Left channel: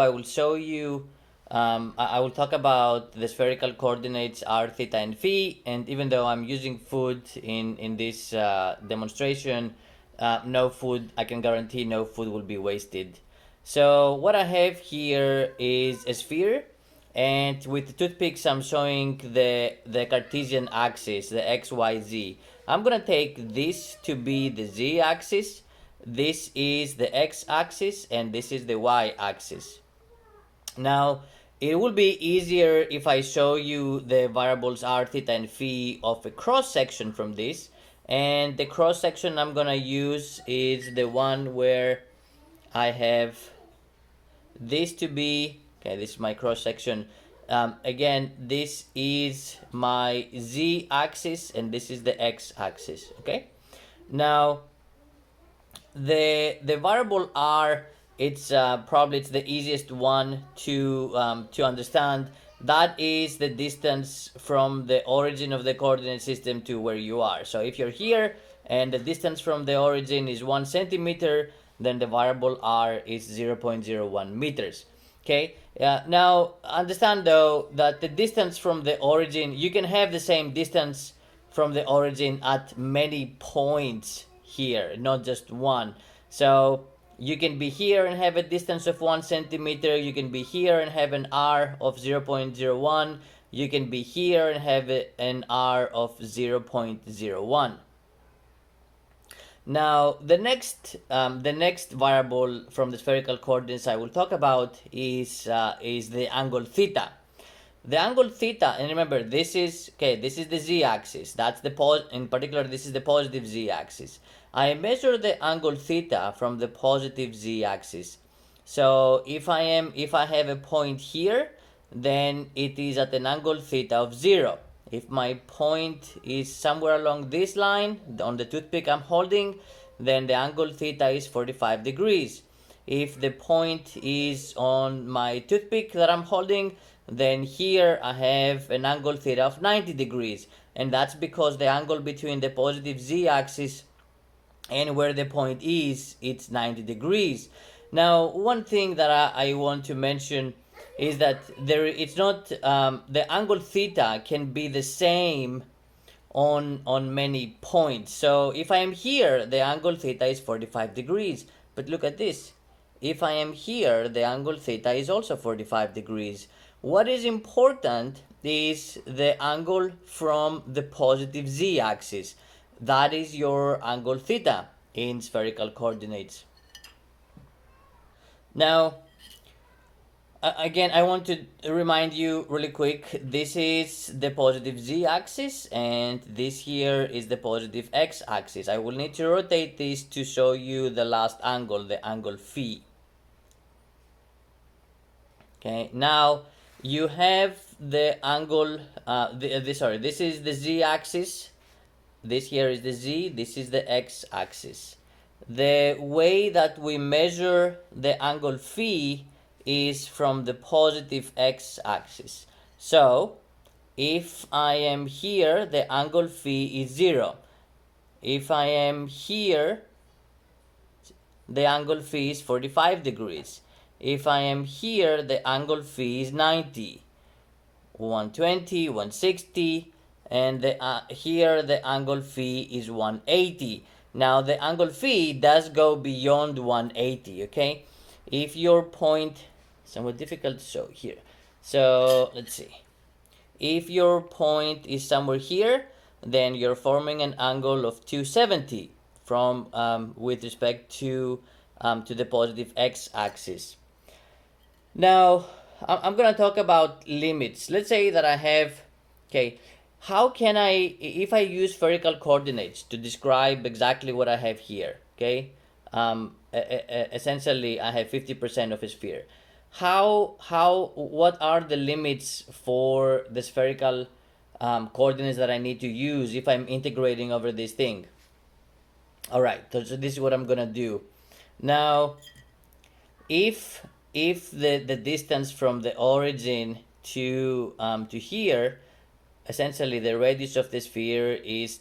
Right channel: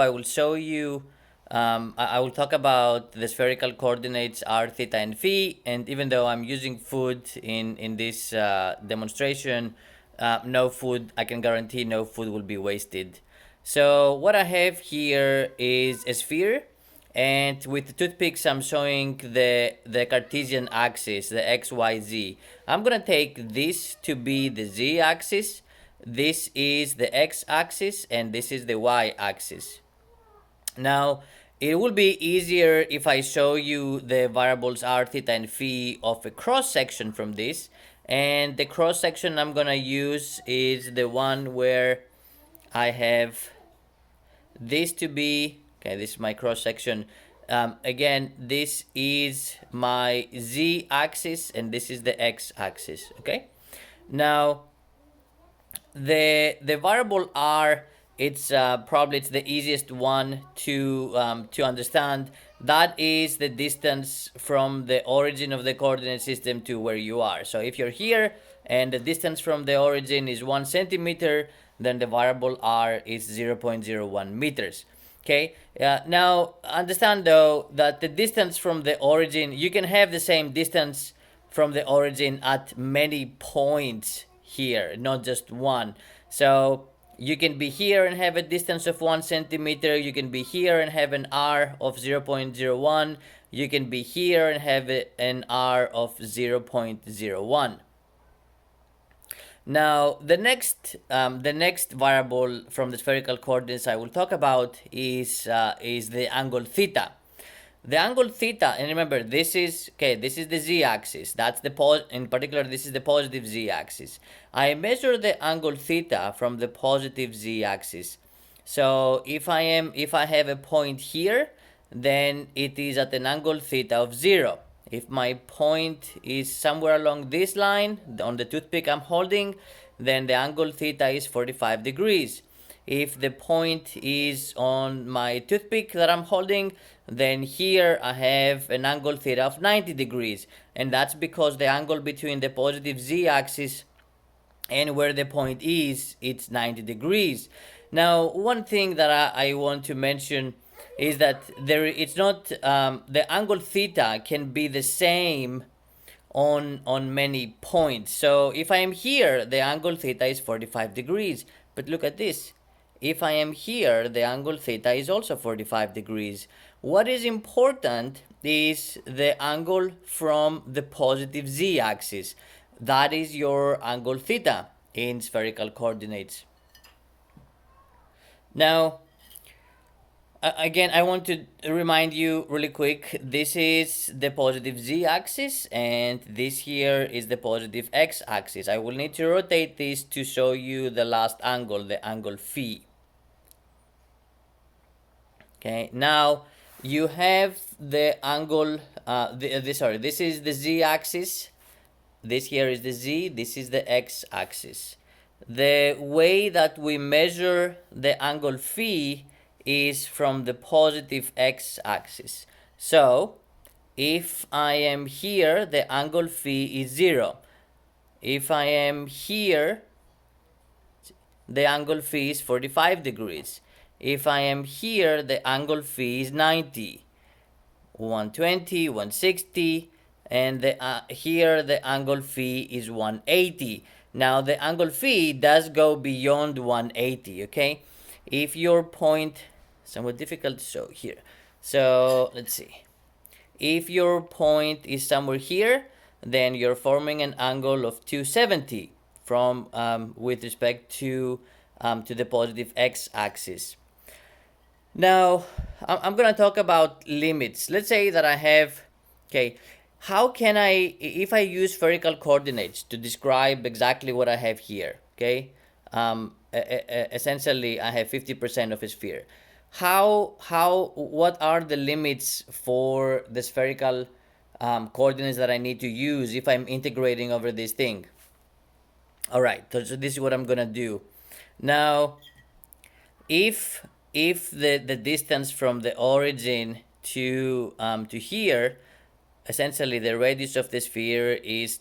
I will show you, I will talk about the spherical coordinates r, theta, and phi. And even though I'm using food in this demonstration, no food, I can guarantee no food will be wasted. So what I have here is a sphere, and with the toothpicks I'm showing the Cartesian axis, the x, y, z. I'm gonna take this to be the z axis, this is the x axis, and this is the y axis. Now, it will be easier if I show you the variables r, theta, and phi of a cross section from this. And the cross section I'm gonna use is the one where I have this to be, okay, this is my cross section. Again, this is my z axis and this is the x axis, okay? Now, the variable r, it's probably it's the easiest one to understand. That is the distance from the origin of the coordinate system to where you are. So if you're here and the distance from the origin is 1 centimeter, then the variable r is 0.01 meters. Okay, now understand though that the distance from the origin, you can have the same distance from the origin at many points here, not just one. So you can be here and have a distance of 1 centimeter. You can be here and have an r of 0.01. You can be here and have an r of 0.01. Now, the next variable from the spherical coordinates I will talk about is the angle theta. The angle theta, and remember, this is the z-axis. That's in particular, this is the positive z-axis. I measure the angle theta from the positive z-axis. So if I have a point here, then it is at an angle theta of 0. If my point is somewhere along this line, on the toothpick I'm holding, then the angle theta is 45 degrees. If the point is on my toothpick that I'm holding, then here I have an angle theta of 90 degrees. And that's because the angle between the positive z-axis and where the point is, it's 90 degrees. Now, one thing that I want to mention is that it's not the angle theta can be the same on many points. So if I am here, the angle theta is 45 degrees. But look at this. If I am here, the angle theta is also 45 degrees. What is important is the angle from the positive z-axis. That is your angle theta in spherical coordinates. Now, again, I want to remind you really quick, this is the positive z-axis and this here is the positive x-axis. I will need to rotate this to show you the last angle, the angle phi. Okay, now you have the angle, this is the z-axis, this here is the z, this is the x-axis. The way that we measure the angle phi is from the positive x-axis. So if I am here, the angle phi is 0. If I am here, the angle phi is 45 degrees. If I am here, the angle phi is 90, 120, 160, and here the angle phi is 180. Now the angle phi does go beyond 180, okay? If your point, somewhat difficult to show here. So let's see. If your point is somewhere here, then you're forming an angle of 270 from with respect to the positive x-axis. Now, I'm going to talk about limits. Let's say that I have, okay, how can I, if I use spherical coordinates to describe exactly what I have here, okay, essentially I have 50% of a sphere. What are the limits for the spherical coordinates that I need to use if I'm integrating over this thing? All right, so this is what I'm going to do. Now, if the distance from the origin to here, essentially the radius of the sphere is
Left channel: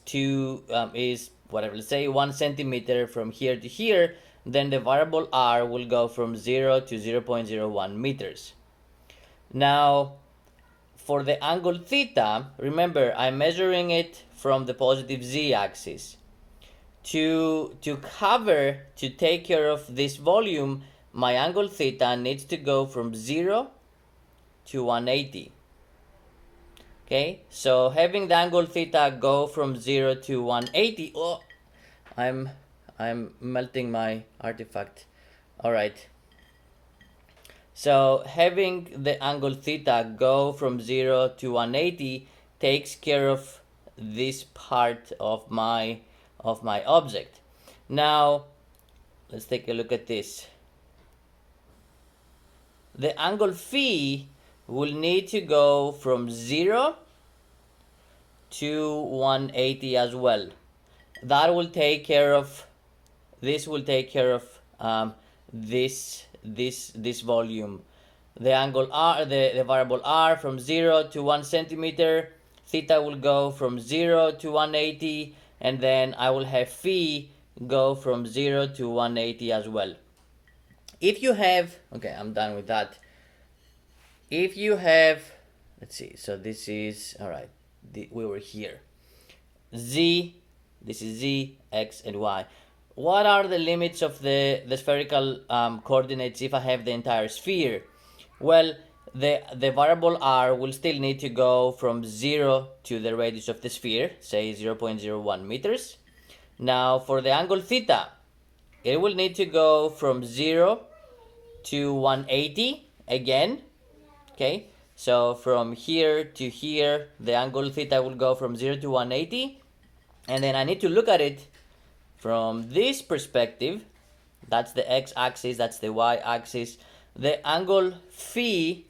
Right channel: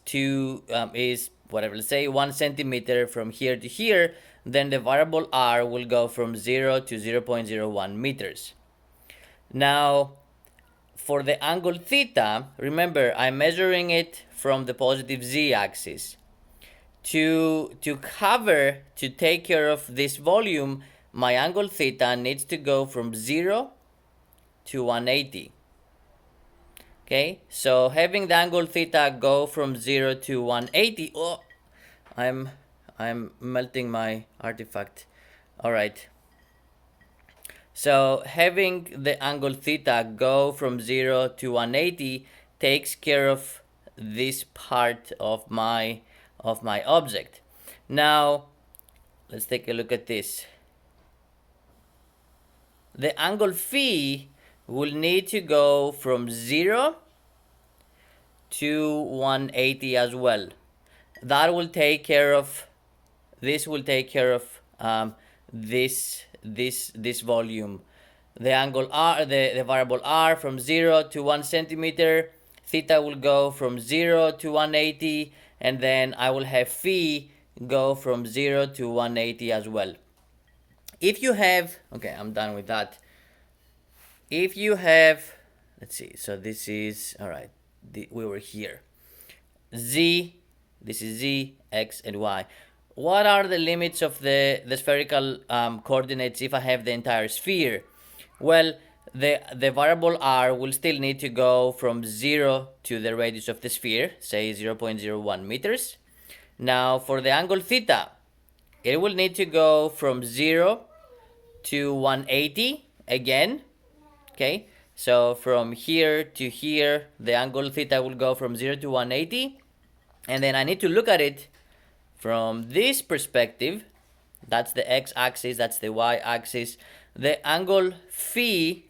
whatever, let's say 1 centimeter from here to here, then the variable r will go from 0 to 0.01 meters. Now, for the angle theta, remember I'm measuring it from the positive z-axis. To take care of this volume, my angle theta needs to go from 0 to 180. Okay, so having the angle theta go from 0 to 180, oh, I'm melting my artifact. All right. So having the angle theta go from 0 to 180 takes care of this part of my object. Now, let's take a look at this. The angle phi will need to go from 0 to 180 as well. That will take care of, this will take care of this volume. The angle r, the variable r from 0 to 1 centimeter, theta will go from 0 to 180, and then I will have phi go from 0 to 180 as well. If you have, okay, I'm done with that. If you have, let's see, so this is, all right, we were here. Z, this is z, x, and y. What are the limits of the spherical coordinates if I have the entire sphere? Well, the variable r will still need to go from 0 to the radius of the sphere, say 0.01 meters. Now, for the angle theta, it will need to go from 0 to 180 again. Okay, so from here to here, the angle theta will go from 0 to 180. And then I need to look at it from this perspective. That's the x-axis, that's the y-axis. The angle phi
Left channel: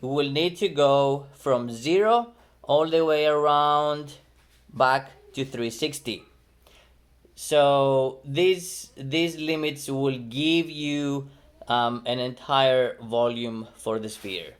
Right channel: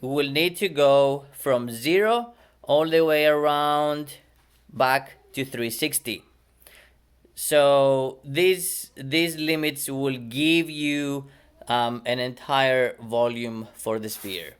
will need to go from 0 all the way around back to 360. So these limits will give you an entire volume for the sphere.